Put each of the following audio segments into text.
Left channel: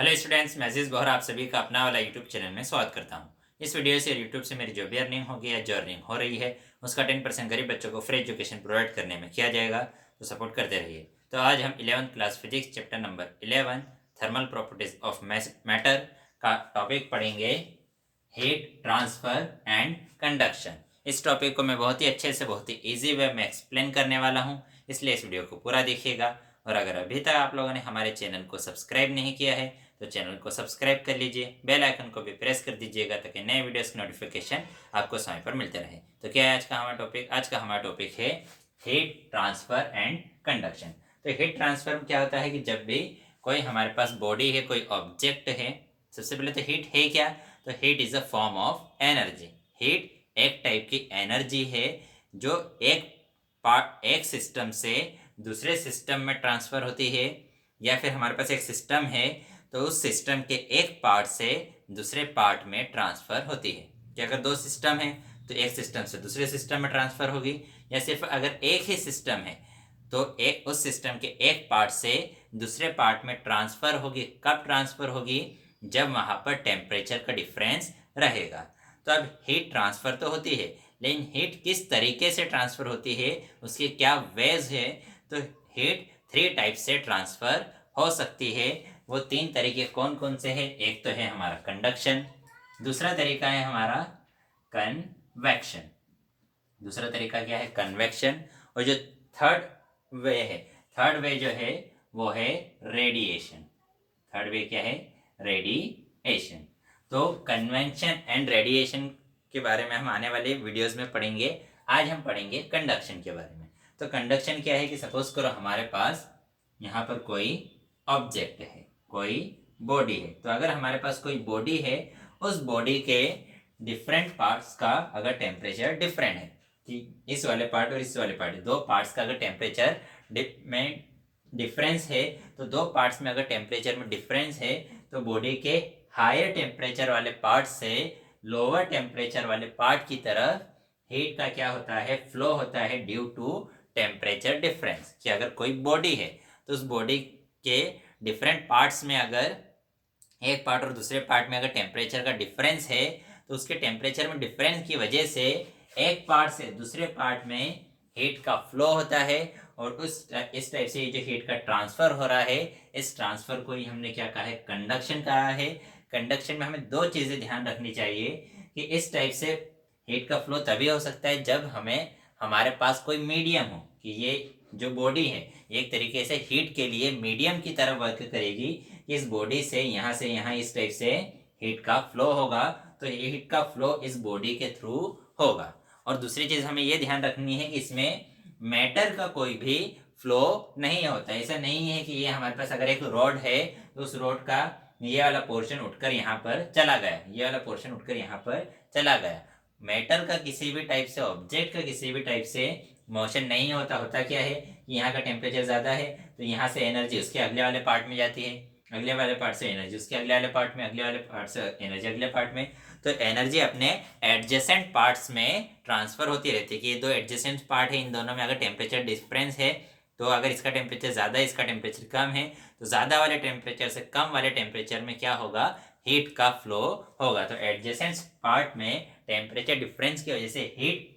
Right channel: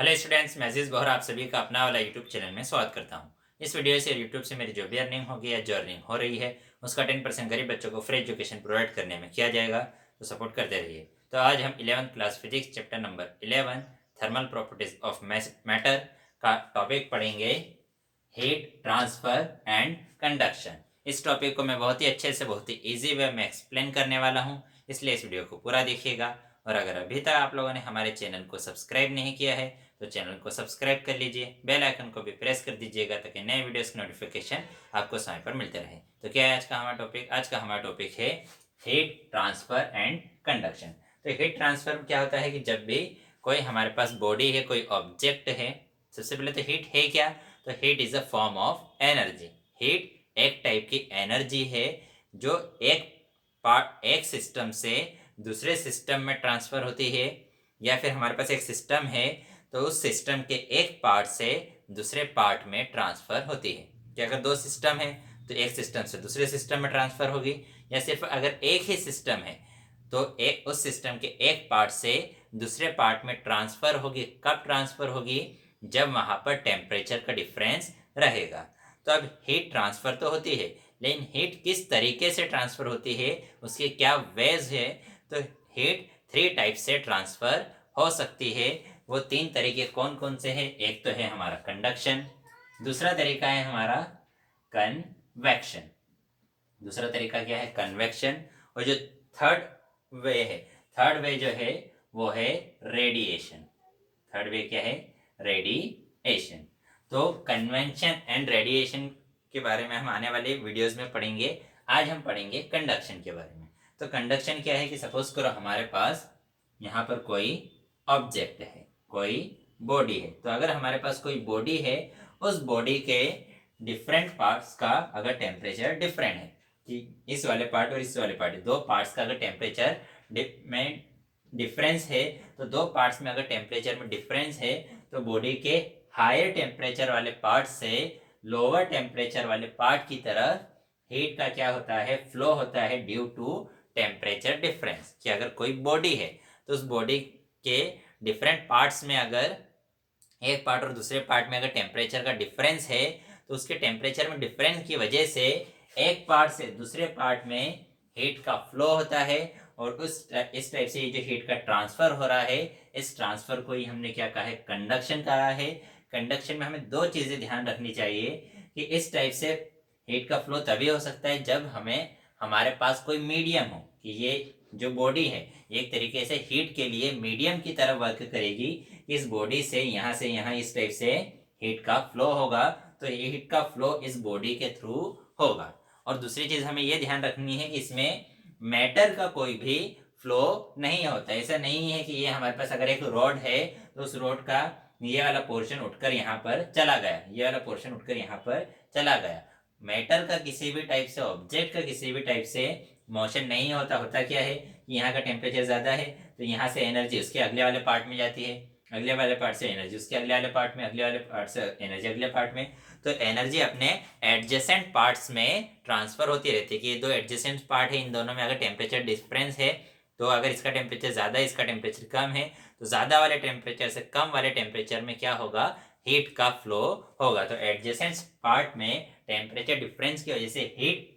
Hello students, मैं अजीज़ गौहर आप सभी का अपना वाला यूट्यूब चैनल में स्वागत करता हूं। इस वीडियो से यूट्यूब से मेरी जो भी अर्निंग होगी या जो अर्निंग हो रही है उसका 10% गरीब बच्चों को फ्री एजुकेशन प्रोवाइड करने में किया जाएगा, तो सपोर्ट करते रहिए। तो आज हम 11th class physics chapter number 11 thermal properties of matter का टॉपिक पढ़ेंगे, हीट ट्रांसफर एंड कंडक्शन। इस टॉपिक को मैं बहुत ही अच्छे से बहुत ही ईजी वे में एक्सप्लेन करने वाला हूँ, इसलिए इस वीडियो को पूरा देखिएगा। और अगर अभी तक आप लोगों ने हमारे चैनल को सब्सक्राइब नहीं किया है तो चैनल को सब्सक्राइब कर लीजिए, बेल आइकन को भी प्रेस कर दीजिएगा ताकि नए वीडियोस की नोटिफिकेशन आपको समय पर मिलते रहे। तो क्या है आज का हमारा टॉपिक? आज का हमारा टॉपिक है हीट ट्रांसफर एंड कंडक्शन। तो हीट ट्रांसफर में क्या होता है कि जब भी कोई हमारे पास बॉडी है, कोई ऑब्जेक्ट है, सबसे पहले तो हीट है क्या? तो heat is a form of energy. Heat एक टाइप की एनर्जी है जो एक सिस्टम से दूसरे सिस्टम में ट्रांसफर होती है, या फिर हमारे पास एक सिस्टम है तो उस सिस्टम के एक पार्ट से दूसरे पार्ट में ट्रांसफर होती है। कि अगर दो सिस्टम है तो एक सिस्टम से दूसरे सिस्टम में ट्रांसफर होगी, या सिर्फ अगर एक ही सिस्टम है तो एक उस सिस्टम के एक पार्ट से दूसरे पार्ट में ट्रांसफर होगी। कब ट्रांसफर होगी? जब वहां पर टेम्परेचर का डिफरेंस रहेगा। तो अब हीट ट्रांसफर तो होती है, लेकिन हीट किस तरीके से ट्रांसफर होती है, उसके क्या वेज है? तो हीट 3 टाइप से ट्रांसफर हो सकती है। वो 3 तरीके कौन कौन से हैं? एक तो है हमारा कंडक्शन, दूसरा तरीका है हमारा कन्वेक्शन, दूसरा तरीका क्या है? कन्वेक्शन। और जो थर्ड वे है, थर्ड वे जो है वो है रेडिएशन। थर्ड वे क्या है? रेडिएशन। तो कन्वेंशन एंड रेडिएशन के बारे में हम आने वाले वीडियोस में पढ़ेंगे। आज हम पढ़ेंगे कंडक्शन के बारे में। तो कंडक्शन क्या है कि सपोज करो हमारे पास यहाँ पर कोई ऑब्जेक्ट है, कोई बॉडी है। तो अगर हमारे पास कोई बॉडी है, उस बॉडी के डिफरेंट पार्ट्स का अगर टेम्परेचर डिफरेंट है, कि इस वाले पार्ट और इस वाले पार्ट, दो पार्ट्स का अगर टेम्परेचर में डिफरेंस है, तो दो पार्ट्स में अगर टेम्परेचर में डिफरेंस है तो बॉडी के हायर टेम्परेचर वाले पार्ट से लोअर टेम्परेचर वाले पार्ट की तरफ हीट का क्या होता है? फ्लो होता है ड्यू टू टेम्परेचर डिफरेंस। कि अगर कोई बॉडी है तो उस बॉडी के डिफरेंट पार्ट्स में अगर एक पार्ट और दूसरे पार्ट में अगर टेम्परेचर का डिफरेंस है तो उसके टेम्परेचर में डिफरेंस की वजह से एक पार्ट से दूसरे पार्ट में हीट का फ्लो होता है, और इस टाइप से ये जो हीट का ट्रांसफर हो रहा है, इस ट्रांसफर को ही हमने क्या कहा है? कंडक्शन कहा है। कंडक्शन में हमें दो चीजें ध्यान रखनी चाहिए कि इस टाइप से हीट का फ्लो तभी हो सकता है जब हमारे पास कोई मीडियम हो, कि ये जो बॉडी है एक तरीके से हीट के लिए मीडियम की तरह वर्क करेगी। इस बॉडी से यहाँ इस टाइप से हीट का फ्लो होगा, तो ये हीट का फ्लो इस बॉडी के थ्रू होगा। और दूसरी चीज हमें ये ध्यान रखनी है कि इसमें मैटर का कोई भी फ्लो नहीं होता। ऐसा नहीं है कि ये हमारे पास अगर एक रॉड है तो उस रॉड का ये वाला पोर्शन उठकर यहाँ पर चला गया, ये वाला पोर्शन उठकर यहाँ पर चला गया। मैटर का किसी भी टाइप से, ऑब्जेक्ट का किसी भी टाइप से मोशन नहीं होता। होता क्या है कि यहाँ का टेम्परेचर ज्यादा है तो यहाँ से एनर्जी उसके अगले वाले पार्ट में जाती है, अगले वाले पार्ट से एनर्जी उसके अगले वाले पार्ट में, अगले वाले पार्ट से एनर्जी अगले पार्ट में। तो एनर्जी अपने एडजेसेंट पार्ट्स में ट्रांसफर होती रहती है। कि ये दो एडजेसेंट पार्ट है, इन दोनों में अगर टेम्परेचर डिफरेंस है तो अगर इसका टेम्परेचर ज़्यादा है, इसका टेम्परेचर कम है, तो ज़्यादा वाले टेम्परेचर से कम वाले टेम्परेचर में क्या होगा? हीट का फ्लो होगा। तो एडजेसेंट पार्ट में टेम्परेचर डिफरेंस की वजह से हीट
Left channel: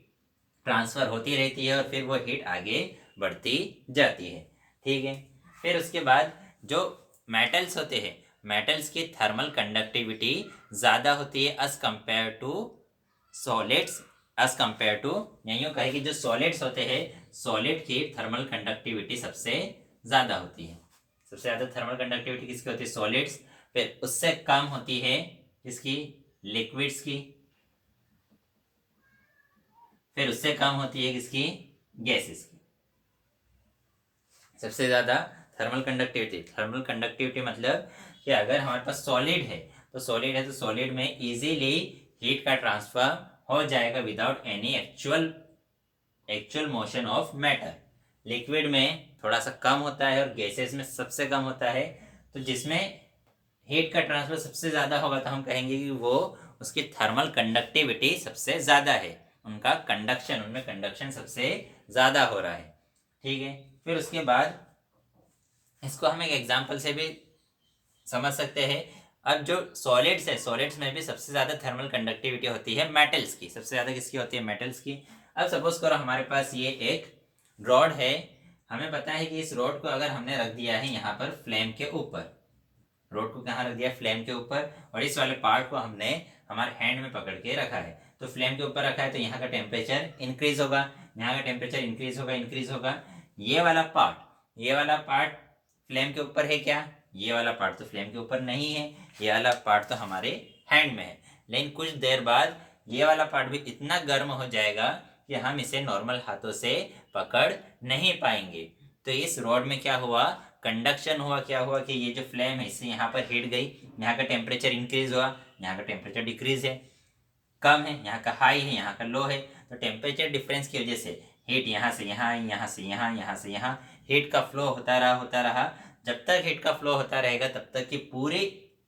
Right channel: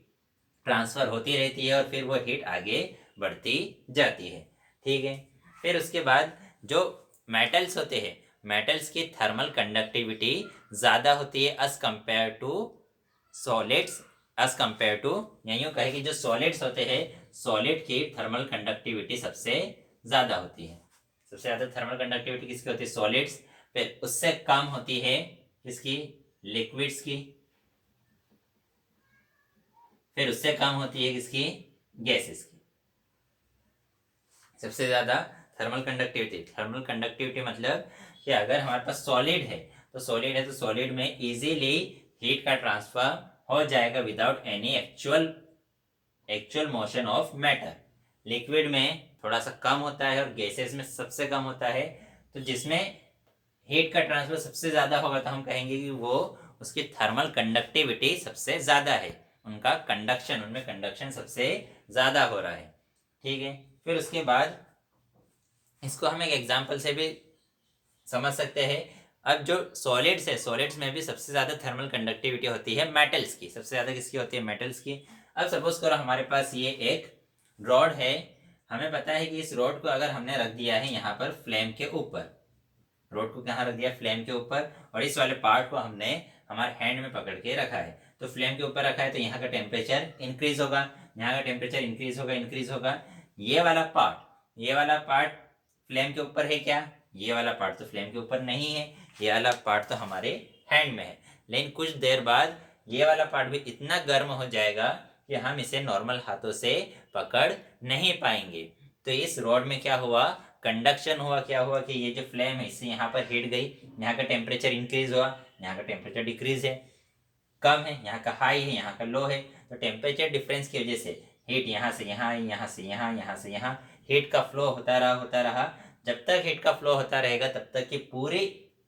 ट्रांसफर होती रहती है और फिर वो हीट आगे बढ़ती जाती है। ठीक है। फिर उसके बाद जो मेटल्स होते हैं, मेटल्स की थर्मल कंडक्टिविटी ज़्यादा होती है as compare to solids. As compare to, यूँ कहे कि जो सॉलिड्स होते हैं, सॉलिड की थर्मल कंडक्टिविटी सबसे ज़्यादा होती है। सबसे ज़्यादा थर्मल कंडक्टिविटी किसकी होती है? सॉलिड्स। फिर उससे कम होती है किसकी? लिक्विड्स की। फिर उससे कम होती है किसकी? गैसेस की। सबसे ज्यादा थर्मल कंडक्टिविटी, थर्मल कंडक्टिविटी मतलब कि अगर हमारे पास सॉलिड है तो सॉलिड में इजीली हीट का ट्रांसफर हो जाएगा without any actual motion of matter. Liquid में थोड़ा सा कम होता है और गैसेस में सबसे कम होता है। तो जिसमें हीट का ट्रांसफर सबसे ज्यादा होगा तो हम कहेंगे कि वो उसकी थर्मल कंडक्टिविटी सबसे ज्यादा है, उनका कंडक्शन, उनमें कंडक्शन सबसे ज्यादा हो रहा है। ठीक है। फिर उसके बाद इसको हम एक एग्जाम्पल से भी समझ सकते हैं। अब जो सॉलिड्स है, सॉलिड्स में भी सबसे ज़्यादा थर्मल कंडक्टिविटी होती है मेटल्स की, सबसे ज़्यादा किसकी होती है? मेटल्स की। अब सपोज करो हमारे पास ये एक रॉड है, हमें पता है कि इस रॉड को अगर हमने रख दिया है यहाँ पर फ्लेम के ऊपर, रॉड को कहाँ रख दिया? फ्लेम के ऊपर, और इस वाले पार्ट को हमने हमारे हैंड में पकड़ के रखा है, तो फ्लेम के ऊपर रखा है तो यहाँ का टेम्परेचर इंक्रीज होगा, यहाँ का टेम्परेचर इंक्रीज होगा। ये वाला पार्ट फ्लेम के ऊपर है क्या? ये वाला पार्ट तो फ्लेम के ऊपर नहीं है, ये वाला पार्ट तो हमारे हैंड में है। लेकिन कुछ देर बाद ये वाला पार्ट भी इतना गर्म हो जाएगा कि हम इसे नॉर्मल हाथों से पकड़ नहीं पाएंगे। तो इस रॉड में क्या हुआ? कंडक्शन हुआ। क्या हुआ कि ये जो फ्लेम है इससे यहाँ पर हीट गई, यहाँ का टेम्परेचर इंक्रीज हुआ, यहाँ का टेम्परेचर डिक्रीज है, कम है, यहाँ का हाई है, यहाँ का लो है। तो टेम्परेचर डिफरेंस की वजह से हीट यहाँ से यहाँ आई, यहाँ से यहाँ, यहाँ से यहाँ, हीट का फ्लो होता रहा। जब तक हीट का फ्लो होता रहेगा तब तक कि पूरी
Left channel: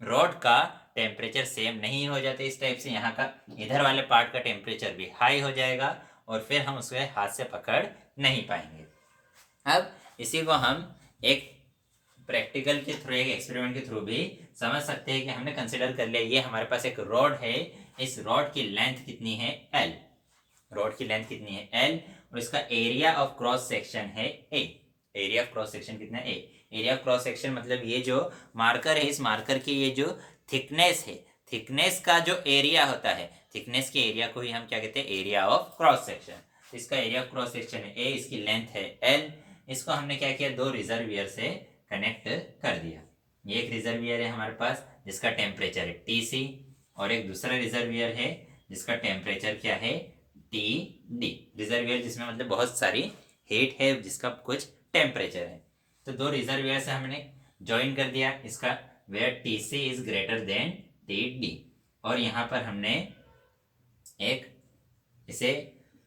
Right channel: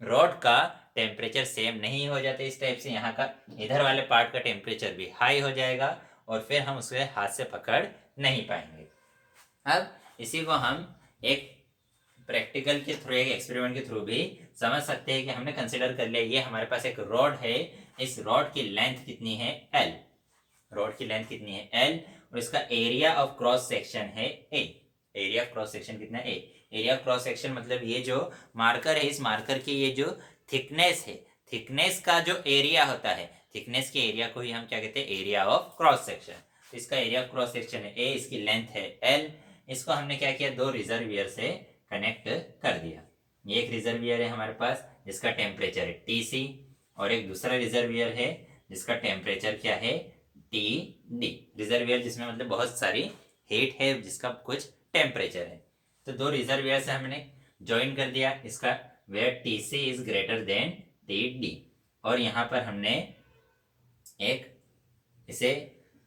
रॉड का टेम्परेचर सेम नहीं हो जाता। इस टाइप से यहाँ का इधर वाले पार्ट का टेम्परेचर भी हाई हो जाएगा और फिर हम उसके हाथ से पकड़ नहीं पाएंगे। अब इसी को हम एक प्रैक्टिकल के थ्रू, एक एक्सपेरिमेंट के थ्रू भी समझ सकते हैं कि हमने कंसिडर कर लिया ये हमारे पास एक रॉड है, इस रॉड की लेंथ कितनी है? L। रॉड की लेंथ कितनी है? L, और इसका एरिया ऑफ क्रॉस सेक्शन है A। Area of cross section कितना है? A। Area of cross section मतलब ये जो मार्कर है, इस मार्कर की ये जो थिकनेस है, थिकनेस का जो एरिया होता है, थिकनेस के एरिया को ही हम क्या कहते हैं? Area of cross section. इसका एरिया ऑफ क्रॉस सेक्शन है A, इसकी लेंथ है L। इसको हमने क्या किया? दो रिजर्वियर से कनेक्ट कर दिया। ये एक रिजर्वियर है हमारे पास जिसका टेम्परेचर है TC, और एक दूसरा रिजर्वियर है जिसका टेम्परेचर क्या है? TD। रिजर्वियर जिसमें मतलब बहुत सारी हीट है, जिसका कुछ टेम्परेचर है। तो दो रिजर्वियर से हमने ज्वाइन कर दिया इसका, where TC is greater than TD। और यहाँ पर हमने एक इसे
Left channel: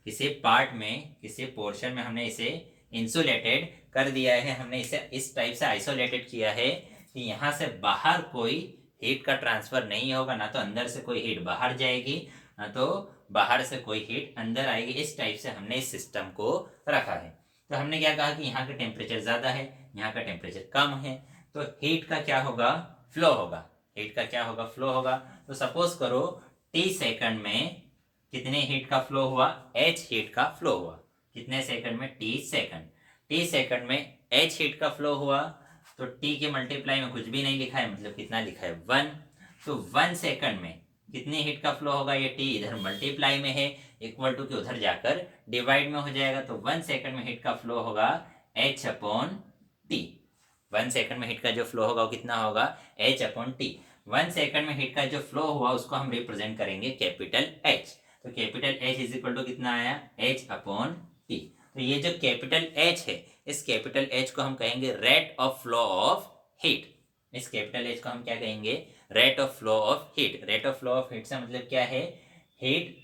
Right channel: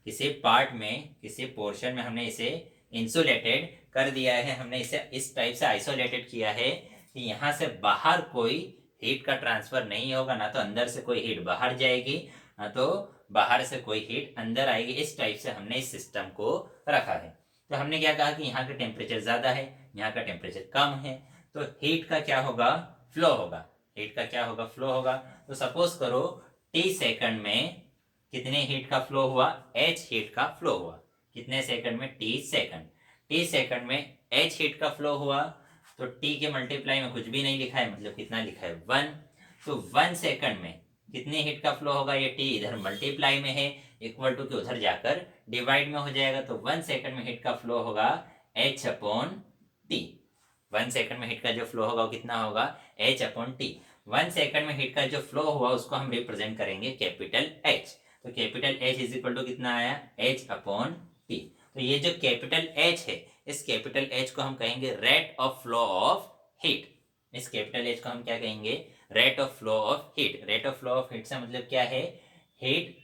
किसी पार्ट में, किसी पोर्शन में हमने इसे इंसुलेटेड कर दिया है। हमने इसे इस टाइप से आइसोलेटेड किया है कि यहाँ से बाहर कोई हीट का ट्रांसफर नहीं होगा, ना तो अंदर से कोई हीट बाहर जाएगी, ना तो बाहर से कोई हीट अंदर आएगी। इस टाइप से हमने इस सिस्टम को रखा है। तो हमने क्या कहा कि यहाँ का टेम्परेचर ज़्यादा है, यहाँ का टेम्परेचर कम है, तो हीट का क्या होगा? फ्लो होगा। हीट का क्या होगा? फ्लो होगा। तो सपोज करो T सेकंड में कितने हीट का फ्लो हुआ? H हीट का फ्लो हुआ। कितने सेकंड में? T second. T सेकंड में H हीट का फ्लो हुआ, तो T के मल्टीप्लाई में कुछ भी नहीं लिखा है, मतलब कितना लिखा है? 1। तो 1 सेकंड में कितनी हीट का फ्लो होगा? ये T इधर मल्टीप्लाई में है, इक्वल टू के उधर जाकर डिवाइड में हो जाएगा। तो 1 सेकंड में हीट का फ्लो होगा H/T। 1 सेकंड में हीट का जो फ्लो होगा वो कितना होगा? H/T। 1 सेकंड में हीट का जो फ्लो हुआ उसको हम रिप्रेजेंट करेंगे कैपिटल H। तो capital H is equal to कितना आया? H/T। तो ये जो कैपिटल H है, इस कैपिटल H को हम कहेंगे rate of flow of heat. इस कैपिटल H को हम क्या कहेंगे? Rate of flow of heat. Rate of flow of heat से मतलब क्या है? Heat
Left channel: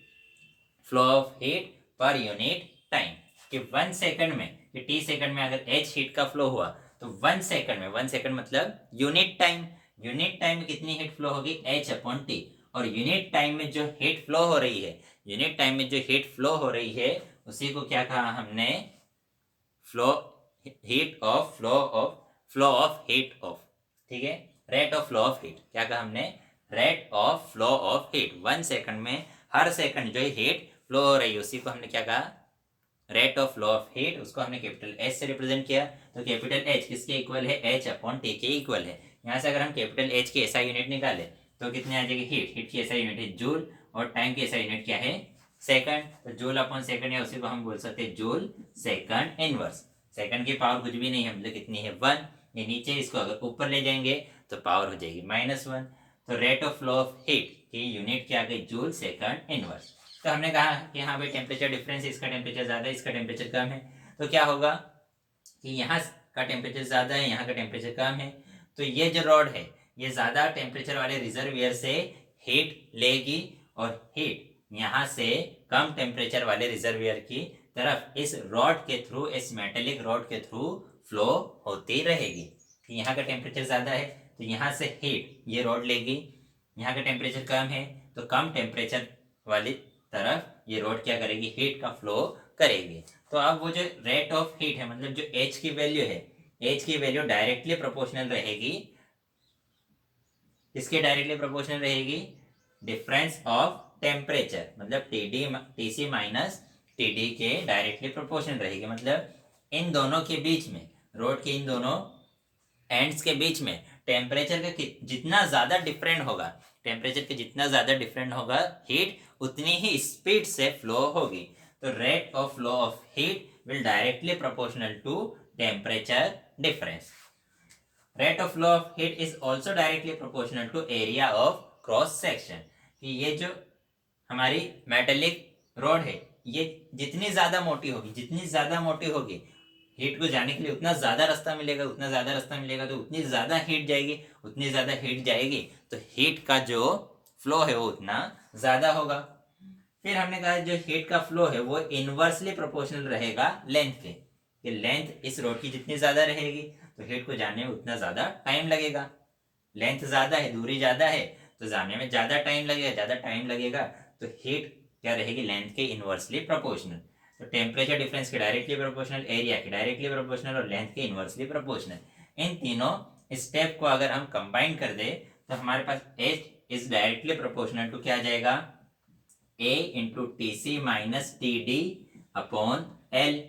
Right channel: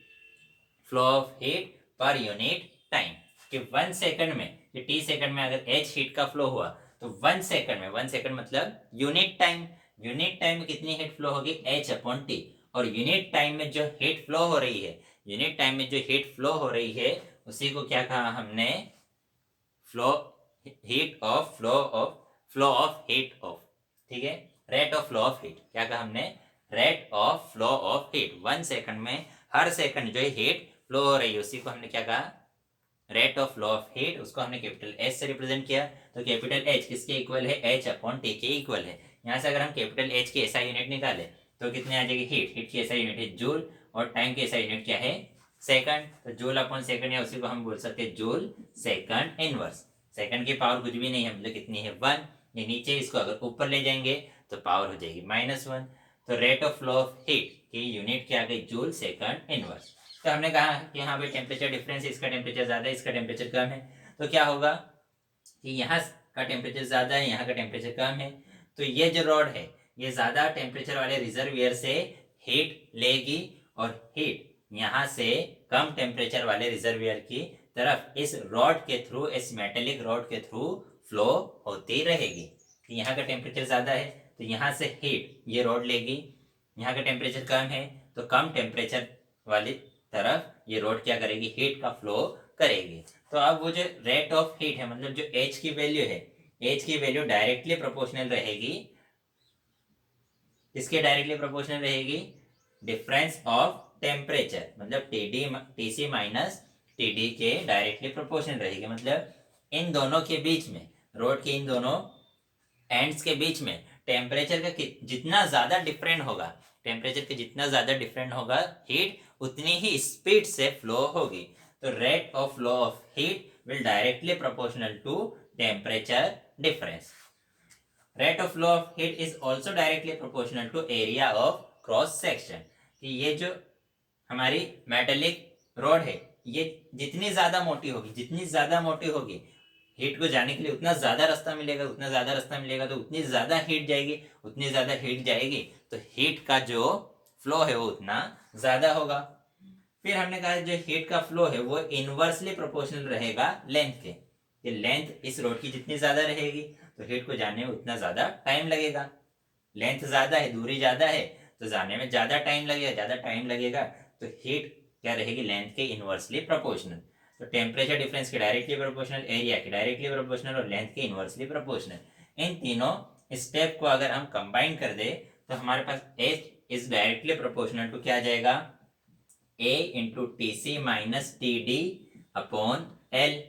flow of heat per unit time. कि 1 सेकंड में, कि T सेकंड में अगर H हीट का फ्लो हुआ तो 1 सेकंड में, 1 सेकंड मतलब यूनिट टाइम, यूनिट टाइम में कितनी हीट फ्लो होगी? H/T। और यूनिट टाइम में जो हीट फ्लो हो रही है, यूनिट टाइम में जो हीट फ्लो हो रही है उसी को क्या कहा हमने? Flow heat of flow of heat of, ठीक है? Rate of flow of heat. क्या कहा हमने? Rate of flow of heat. 1 second में हर सेकंड जो हीट फ्लो हो रही है उसी को हमने क्या कहा? Rate of flow of heat. उसको हमने कैपिटल H से रिप्रेजेंट किया। तो कैपिटल H किसके इक्वल है? H/T के इक्वल है। यहाँ से अगर हम कैपिटल H की ऐसा यूनिट निकाले तो कितने आ जाएगी? हीट। हीट की ऐसा यूनिट है जूल, और टाइम की ऐसा यूनिट क्या है? सेकंड। तो जूल अपॉन सेकंड, या उसी को हम बोल सकते हैं जूल सेकंड इनवर्स। सेकंड की पावर कुछ भी नहीं है, मतलब कितनी है? 1। ये नीचे, इसको अगर ऊपर ले जाएंगे तो पावर हो जाएगी -1। तो rate of flow of heat की यूनिट क्या आ गई? Joule second inverse. तो हमने कहा कि हाँ भाई टेम्परेचर डिफरेंस, इसका टेम्परेचर ज़्यादा है, इसका टेम्परेचर कम है, तो क्या होगा कि यहाँ का टेम्परेचर ज़्यादा है, यहाँ का टेम्परेचर कम है, तो ये जो रॉड है ये ज़्यादा टेम्परेचर वाले रिजर्वियर से हीट लेगी, और हीट यहाँ से कम टेम्परेचर वाले रिजर्वियर की तरफ इस रॉड के थ्रू, इस मेटेलिक रॉड के थ्रू फ्लो होती रहेगी। यहाँ का टेम्परेचर ज़्यादा है तो यहाँ से हीट ये रॉड लेगी, यहाँ का टेम्परेचर कम है तो कम टेम्परेचर वाली तरफ ये रॉड क्या करेगी? हीट का फ्लो करेगी। तो अब वो जो रेट ऑफ हीट है, मतलब जो H की वैल्यू है, H की वैल्यू डायरेक्टली प्रोपोर्शनल रहेगी किसके डायरेक्टली प्रोपोर्शनल रहेगी? डिफरेंस ऑफ टेम्परेचर, मतलब टीसी माइनस टीडी के डायरेक्टली प्रोपोर्शनल रहेगी। मतलब इन दोनों के बीच में, रोड के इन दोनों एंड्स के बीच में टेम्परेचर का जितना ज्यादा डिफरेंट होगा, टेम्परेचर के जितना ज्यादा डिफरेंट होगा, हीट उतनी ही स्पीड से फ्लो होगी। तो rate of flow of heat will directly proportional to temperature difference. Rate of flow of heat is also directly proportional to area of cross section. कि ये जो हमारी मेटेलिक रोड है, ये जितनी ज्यादा मोटी होगी, जितनी ज्यादा मोटी होगी, हीट को जाने के लिए उतना ज्यादा रास्ता मिलेगा, उतना ज्यादा रास्ता मिलेगा, तो उतनी ज्यादा हीट जाएगी, उतनी ज्यादा हीट जाएगी, तो हीट का जो फ्लो है वो उतना ज्यादा होगा। फिर हमने कहा जो हीट का फ्लो है वो इनवर्सली प्रोपोर्शनल रहेगा लेंथ के। कि लेंथ इस रोड की जितनी ज्यादा रहेगी तो हीट को जाने में उतना ज्यादा टाइम लगेगा। लेंथ ज्यादा है, दूरी ज्यादा है, तो जाने में ज्यादा टाइम लगेगा, ज्यादा टाइम लगेगा, तो हीट क्या रहेगी? लेंथ के इनवर्सली प्रोपोर्शनल। तो टेम्परेचर डिफरेंस के डायरेक्टली प्रोपोर्शनल, एरिया के डायरेक्टली प्रोपोर्शनल और लेंथ के इनवर्सली प्रोपोर्शनल। इन तीनों स्टेप को अगर हम कंबाइन कर दे तो हमारे पास H is directly proportional to क्या आ जाएगा? A into T C minus T D upon L.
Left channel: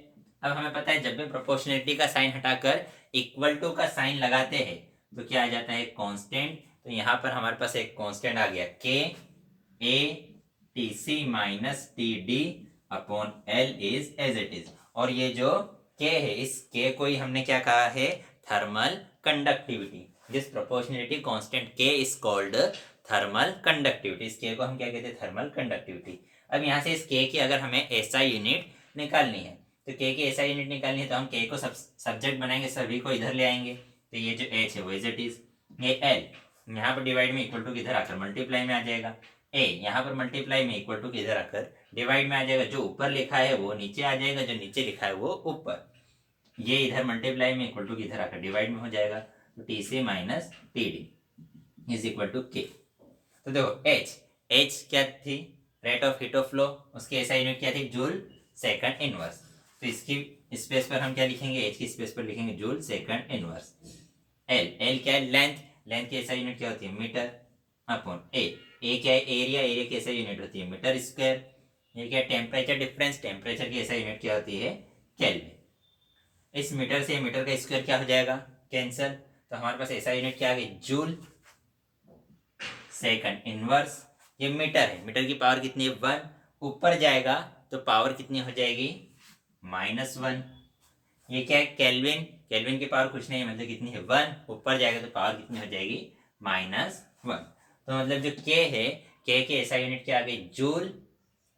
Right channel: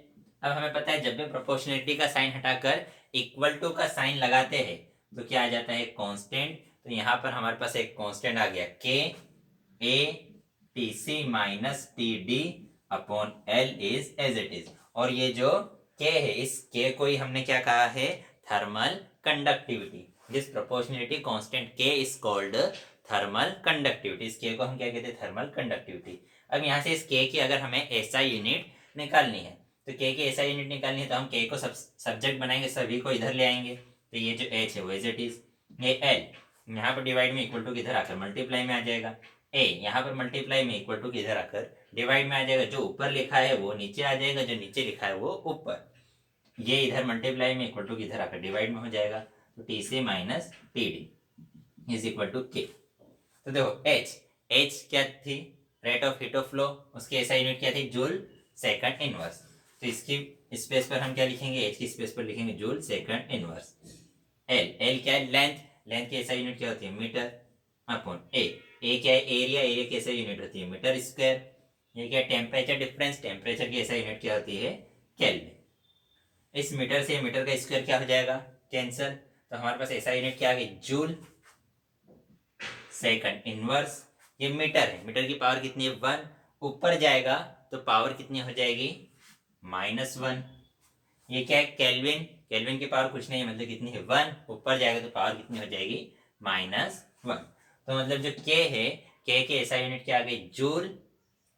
अब हमें पता है जब भी प्रोपोर्शनलिटी का साइन हटाकर इक्वल टू का साइन लगाते हैं तो क्या आ जाता है? कांस्टेंट। तो यहाँ पर हमारे पास एक कांस्टेंट आ गया K A T C minus T D upon L is as it is. और ये जो के है, इस के को ही हमने क्या कहा है? Thermal conductivity. This proportionality constant के इज कॉल्ड थर्मल कंडक्टिविटी। इस के को हम क्या कहते हैं? Thermal conductivity. अब यहाँ से इस के की अगर हमें एसआई यूनिट निकालनी है तो के की एसआई यूनिट निकालनी है तो हम के को सब्जेक्ट बनाएंगे, सभी को इधर ले आएंगे। तो ये जो एच है वो एज इट इज, ये एल यहाँ पर डिवाइड में इक्वल टू किधर आकर मल्टीप्लाई में आ जाएगा, ए यहाँ पर मल्टीप्लाई में इक्वल टू किधर आकर डिवाइड में आ जाएगा। जो ऊपर लिखा है वो नीचे आ जाएगा, जो नीचे लिखा है वो ऊपर। ये इधर मल्टीप्लाई में इक्वल टू किधर आकर डिवाइड में हो जाएगा। तो T C minus T D is equal to K. तो देखो एच, एच क्या थी? Rate of heat of flow. उसकी एसआई यूनिट क्या थी? Joule second inverse. तो इसकी स्पेस पर हम क्या लिखेंगे? एच की स्पेस पर लिखेंगे joule second inverse. L, L क्या है? लेंथ। लेंथ की एसआई यूनिट क्या होती है? मीटर अपॉन ए क्या है? एरिया। एरिया की एसआई यूनिट होती है मीटर स्क्वायर। ये क्या है? Temperature difference. टेम्परेचर की एसआई यूनिट क्या होती है? केल्विन। इस मीटर से मीटर का स्क्वायर क्या हो जाएगा? कैंसर। तो हमारे पास एसआई यूनिट क्या आ गई? Joule second inverse. ये मीटर है, मीटर की पावर कितनी है? 1। ऊपर जाएगा तो पावर कितनी हो जाएगी? -1। ये क्या है? केल्विन। केल्विन की पावर कुछ नहीं है, मतलब कितनी है? 1। ऊपर जाएगा तो पावर कितनी हो जाएगी? -1। तो मतलब जो के है, के एसआई यूनिट क्या आ गई? Joule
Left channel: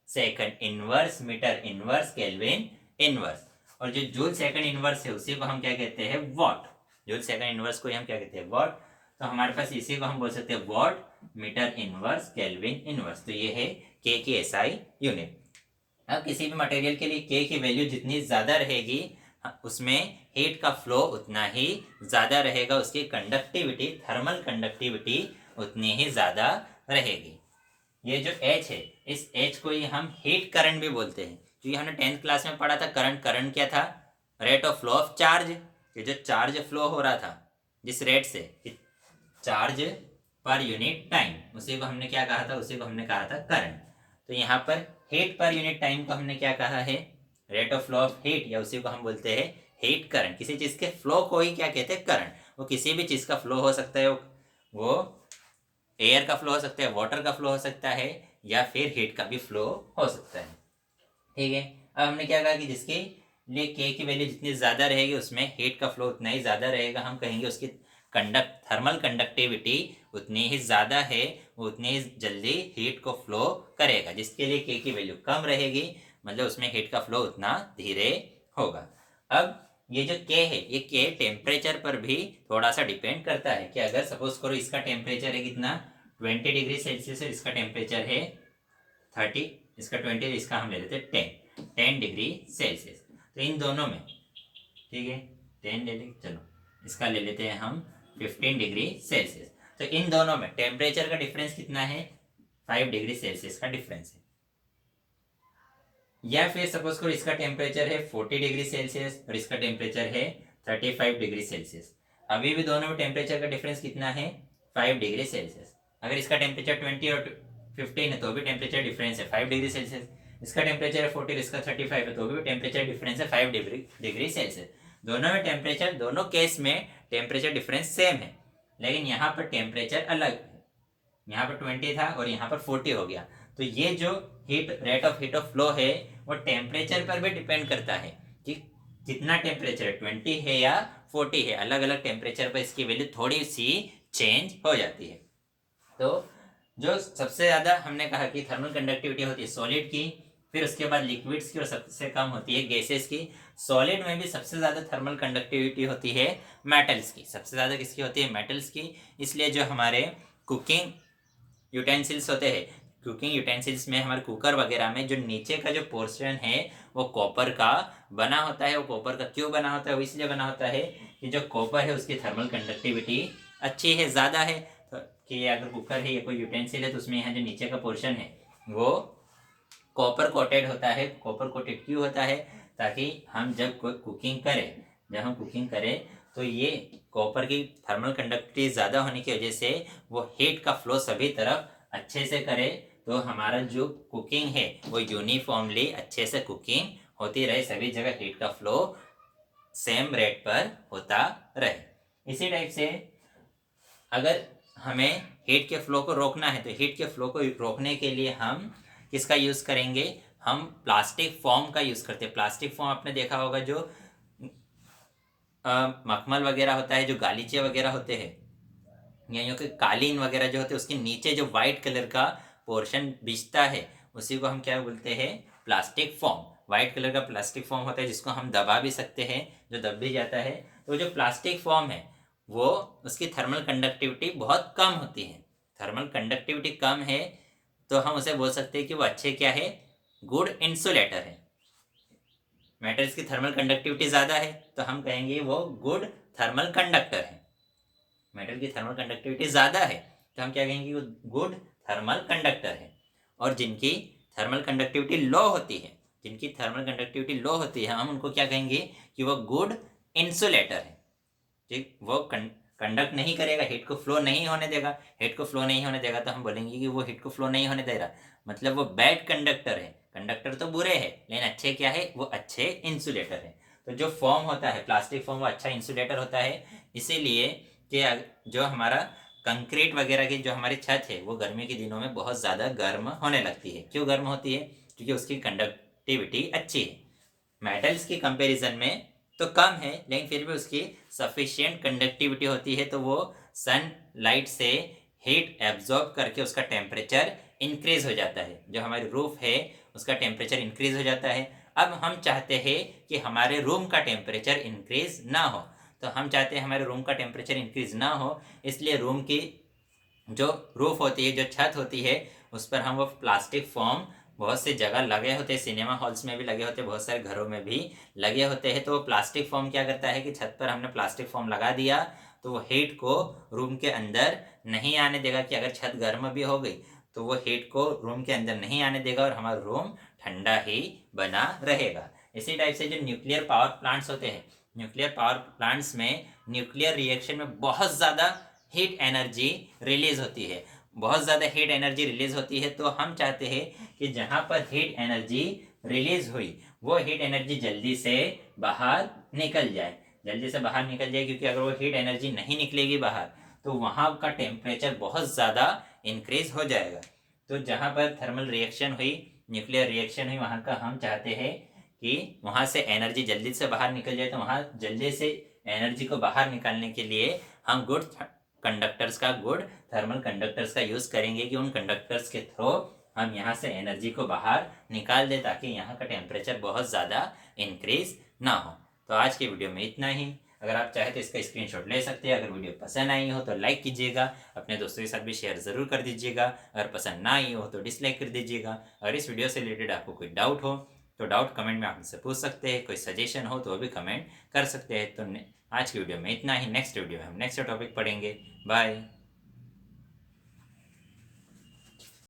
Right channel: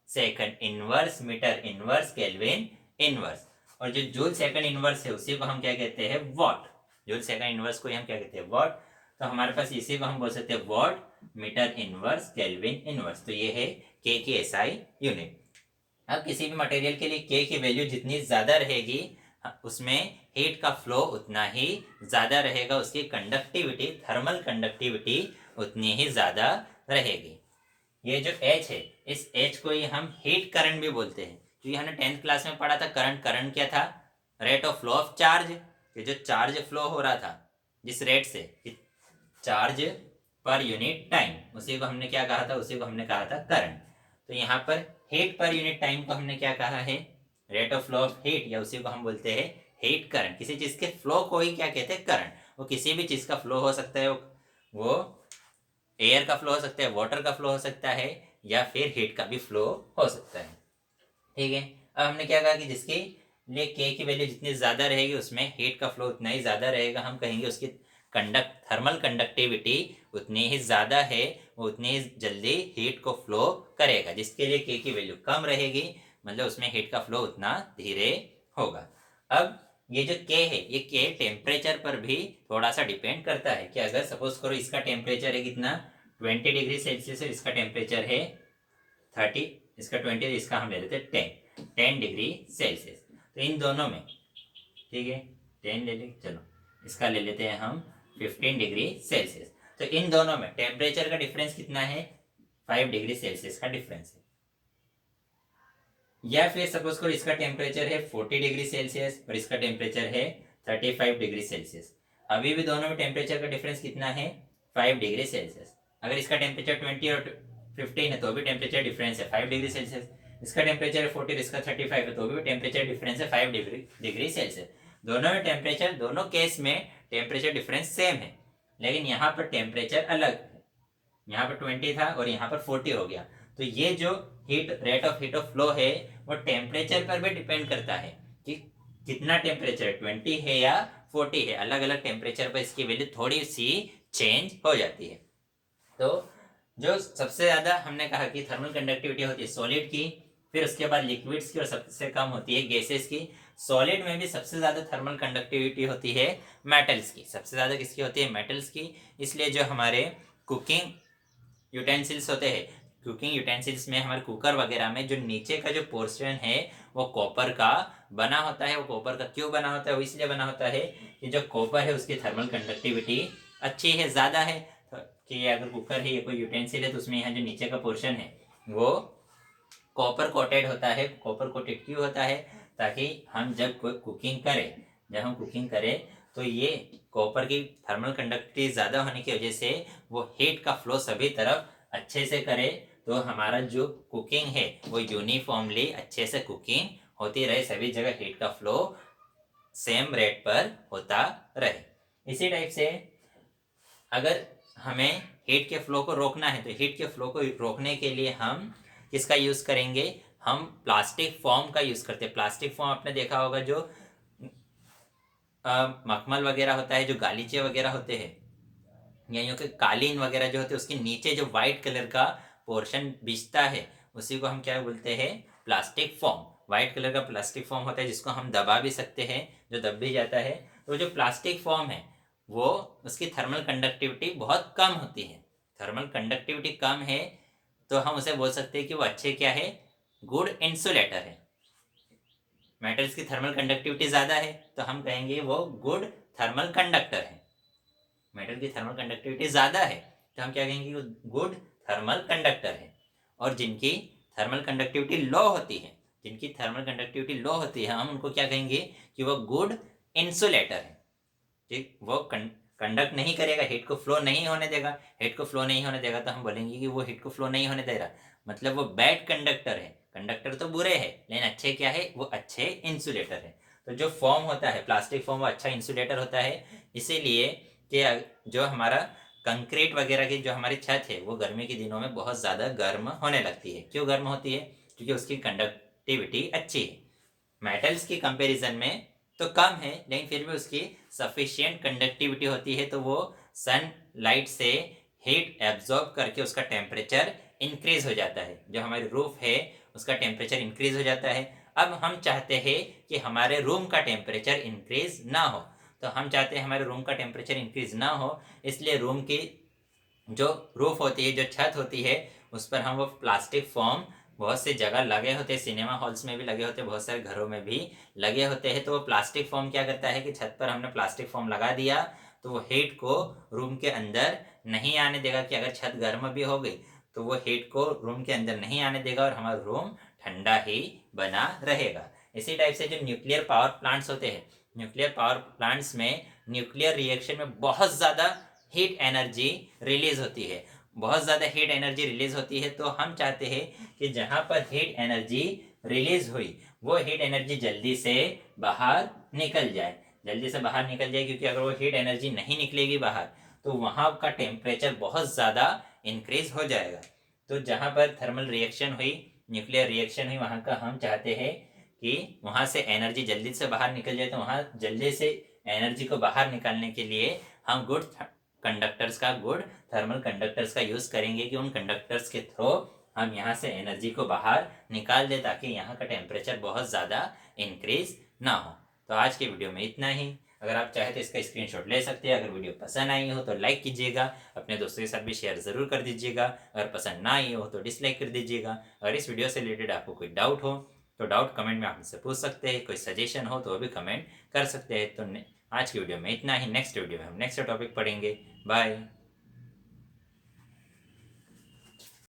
second inverse metre inverse kelvin inverse. और जो जूल सेकंड इनवर्स है उसी को हम क्या कहते हैं? वॉट। जूल सेकंड इनवर्स को हम क्या कहते हैं? वॉट। तो हमारे पास इसी को हम बोल सकते हैं watt meter inverse kelvin inverse. तो ये है के की एसआई यूनिट। अब किसी भी मटेरियल के लिए के की वैल्यू जितनी ज्यादा रहेगी उसमें हीट का फ्लो उतना ही ज्यादा रहेगा, उसकी कंडक्टिविटी, थर्मल कंडक्टिविटी उतनी ही ज्यादा रहेगी। ये जो H है, इस H को ही हम हीट करंट भी बोलते हैं। क्योंकि हमने 10th क्लास में पढ़ा था करंट। करंट क्या था? Rate of flow of charge. ये जो चार्ज फ्लो हो रहा था जिस रेट से, चार्ज पर यूनिट टाइम, उसी को हमने क्या कहा था? उसी को हमने कहा था करंट। तो यहाँ पर हीट पर यूनिट टाइम को हमने क्या कहा है? Rate of flow of heat, या उसी को हम बोलते हैं हीट करंट। किसी चीज के फ्लो को ही क्या कहते हैं? करंट। वो किसी भी चीज का फ्लो हो सकता है, वो एयर का फ्लो हो सकता है, वाटर का फ्लो हो सकता है, या फिर हीट का भी फ्लो हो सकता है। ठीक है। अब हमने क्या कहा कि जिसके लिए के की वैल्यू जितनी ज्यादा रहेगी उसमें हीट का फ्लो उतना ही ज्यादा रहेगा। हम कहेंगे उसकी थर्मल कंडक्टिविटी उतनी ही ज्यादा है, वो उतनी ही जल्दी हीट को फ्लो करेगा। जिसके लिए के की वैल्यू कम रहेगी, मतलब उसमें हीट का फ्लो उतना धीरे होगा। अब ये जो के है, ये के टेम्परेचर पर भी थोड़ा सा डिपेंड करता है। कि अगर सपोज करो इसका टेम्परेचर है कितना? 20 डिग्री सेल्सियस है, इसका टेम्परेचर है 30, इसका 20, इसका हम ले लेते हैं 10 डिग्री सेल्सियस। तो इन दोनों में, ठीक है, 10 ले लें, चलो इसका ले लेते हैं हम 15 डिग्री सेल्सियस। तो इन दोनों में टेम्परेचर का डिफरेंस कितना है? 5 डिग्री सेल्सियस का डिफरेंस है। या फिर सपोज करो इसका टेम्परेचर है 40 डिग्री सेल्सियस और इसका टेम्परेचर है 35 डिग्री सेल्सियस। अभी भी दोनों में टेम्परेचर का डिफरेंस कितना है? 5 डिग्री सेल्सियस। अगर इसका टेम्परेचर 20 और 15 है तो भी टेम्परेचर डिफरेंस है 5 डिग्री सेल्सियस। इसका टेम्परेचर है 40, इसका 35 है तो भी टेम्परेचर डिफरेंस है 5 डिग्री सेल्सियस। दोनों में टेम्परेचर, दोनों केस में टेम्परेचर डिफरेंस सेम है, लेकिन यहाँ पर टेम्परेचर अलग है। यहाँ पर 20 था और यहाँ पर 40 हो गया। तो ये जो rate of heat of flow है वो टेम्परेचर पर भी डिपेंड करता है कि कितना टेम्परेचर 20 है या 40 है। अलग अलग टेम्परेचर पर इसकी वैल्यू थोड़ी सी चेंज हो जाती है। तो जो सबसे ज़्यादा हमने कहा कि थर्मल कंडक्टिविटी होती है सॉलिड की, फिर उसके बाद लिक्विड्स की और सबसे कम होती है गैसेस की। सॉलिड में भी सबसे ज़्यादा थर्मल कंडक्टिविटी होती है मेटल्स की। सबसे ज़्यादा किसकी होती है? मेटल्स की। इसलिए जो हमारे कुकिंग यूटेंसिल्स होते हैं, कुकिंग यूटेंसिल्स में हमारे कुकर वगैरह में जो नीचे का जो पोर्शन है वो कॉपर का बना होता है। वो कॉपर का क्यों बना होता है? वो इसलिए बना होता है कि जो कॉपर है उसकी थर्मल कंडक्टिविटी अच्छी है, ज़्यादा है। तो कि अगर कुकर है या कोई यूटेंसिल है तो उसमें यहाँ जो नीचे का पोर्शन है वो कॉपर कोटेड होता है। कॉपर कोटेड क्यों होता है? ताकि हम जब कुकिंग करें तो ये कॉपर की थर्मल कंडक्टिविटी ज़्यादा होने की वजह से वो हीट का फ्लो सभी तरफ अच्छे से करे, तो हमारा जो कुकिंग है वो यूनिफॉर्मली अच्छे से कुकिंग होती रहे, सभी जगह हीट का फ्लो सेम रेट पर होता रहे। इसी टाइप से अगर हमें हीट के फ्लो को रोकना है तो हीट के फ्लो को रोकने के लिए हम किसका यूज़ करेंगे? हम प्लास्टिक फॉर्म का यूज़ करते हैं। प्लास्टिक फॉर्म आपने देखा होगा, जो मखमल वगैरह होता है, जो गालीचे वगैरह होते हैं या यूँ कि कालीन वगैरह जो होते हैं, उसके नीचे जो वाइट कलर का पोर्शन बिछता है उसी को हम क्या बोलते हैं? Plastic form. वाइट कलर का प्लास्टिक फॉर्म होता है जिसको हम दबा भी सकते हैं, जो दब भी जाता है। तो जो प्लास्टिक फॉर्म है वो उसकी थर्मल कंडक्टिविटी बहुत कम होती है। थर्मल कंडक्टिविटी कम है तो हम उसे बोल सकते हैं कि वो अच्छे क्या है? गुड इंसुलेटर है। मेटल्स की थर्मल कंडक्टिविटी ज़्यादा है तो हम कहेंगे वो गुड थर्मल कंडक्टर है। मेटल की थर्मल कंडक्टिविटी ज़्यादा है तो हम क्या कहेंगे? वो गुड थर्मल कंडक्टर है। और जिनकी थर्मल कंडक्टिविटी लो होती है, हम उनको क्या कहेंगे? कि वो गुड इंसुलेटर है। ठीक, वो कंडक्ट नहीं करेगा, हीट को फ्लो नहीं होने देगा तो हम बोलेंगे कि वो हीट को फ्लो नहीं होने दे रहा, मतलब वो बैड कंडक्टर है। कंडक्टर तो बुरे हैं लेकिन अच्छे क्या है? वो अच्छे इंसुलेटर है। तो जो फॉर्म होता है प्लास्टिक फॉर्म वो अच्छा इंसुलेटर होता है। इसीलिए कि जो हमारा कंक्रीट वगैरह की जो हमारी छत है वो गर्मी के दिनों में बहुत ज़्यादा गर्म होने लगती है। क्यों गर्म होती है? क्योंकि उसकी कंडक्टिविटी अच्छी है। मेटल्स की कंपैरिजन में तो कम है लेकिन फिर भी उसकी सफिशिएंट कंडक्टिविटी होती है, तो वो सन लाइट से हीट एब्जॉर्ब करके उसका टेम्परेचर इंक्रीज हो जाता है। जो हमारी रूफ है उसका टेम्परेचर इंक्रीज हो जाता है। अब हम चाहते हैं कि हमारे रूम का टेम्परेचर इंक्रीज ना हो, तो हम चाहते हैं हमारे रूम का टेम्परेचर इंक्रीज ना हो, इसलिए रूम की जो रूफ होती है, जो छत होती है, उस पर हम वो प्लास्टिक फॉर्म बहुत सी जगह लगे होते हैं, सिनेमा हॉल्स में भी लगे होते हैं, बहुत सारे घरों में भी लगे होते हैं। तो वो प्लास्टिक फॉर्म क्या करता है कि छत पर हमने प्लास्टिक फॉर्म लगा दिया तो वो हीट को रूम के अंदर नहीं आने देगा। कि अगर छत गर्म भी हो गई तो वो हीट को रूम के अंदर नहीं आने देगा और हमारा रूम ठंडा ही बना रहेगा। इसी टाइप से जो न्यूक्लियर पावर प्लांट्स होते हैं, न्यूक्लियर पावर प्लांट्स में न्यूक्लियर रिएक्शन में बहुत ज़्यादा हीट एनर्जी रिलीज होती है। बहुत ज़्यादा हीट एनर्जी रिलीज होती है तो हम चाहते हैं कि जहाँ पर हीट एनर्जी रिलीज हुई वो हीट एनर्जी जल्दी से बाहर निकल जाए, क्योंकि अगर वो हीट एनर्जी नहीं निकलेगी बाहर तो वहाँ का टेम्परेचर बहुत ज़्यादा इंक्रीज हो जाएगा। तो जहाँ पर थर्मल रिएक्शन हुई, न्यूक्लियर रिएक्शन हुई, वहाँ का हम चाहते हैं कि वहाँ से एनर्जी जल्दी से बाहर निकल जाए। तो वहाँ जल्दी से एनर्जी को बाहर निकालने के लिए हम गुड थर्मल कंडक्टर्स का यूज़ करेंगे कि उन कंडक्टर्स के थ्रू हम यहाँ से एनर्जी को बाहर निकाल दें ताकि यहाँ का टेम्परेचर बहुत ज़्यादा इंक्रीज ना हो। तो आज के वीडियो में इतना ही। अगर आप चाहे तो इसका स्क्रीनशॉट ले सकते हैं। अगर वीडियो पसंद आई हो तो लाइक कीजिएगा, अपने दोस्तों के साथ भी शेयर ज़रूर कर दीजिएगा। अगर पसंद ना आई हो तो डिसलाइक कर दीजिएगा। अगर इस वीडियो से रिलेटेड आपको कोई डाउट हो तो डाउट कमेंट में आप मुझसे पूछ सकते हैं। कोई सजेशन हो तो वो भी कमेंट कर सकते हैं। तो आज की वीडियो में इतना ही। नेक्स्ट वीडियो में हम नेक्स्ट टॉपिक पढ़ेंगे। बाय।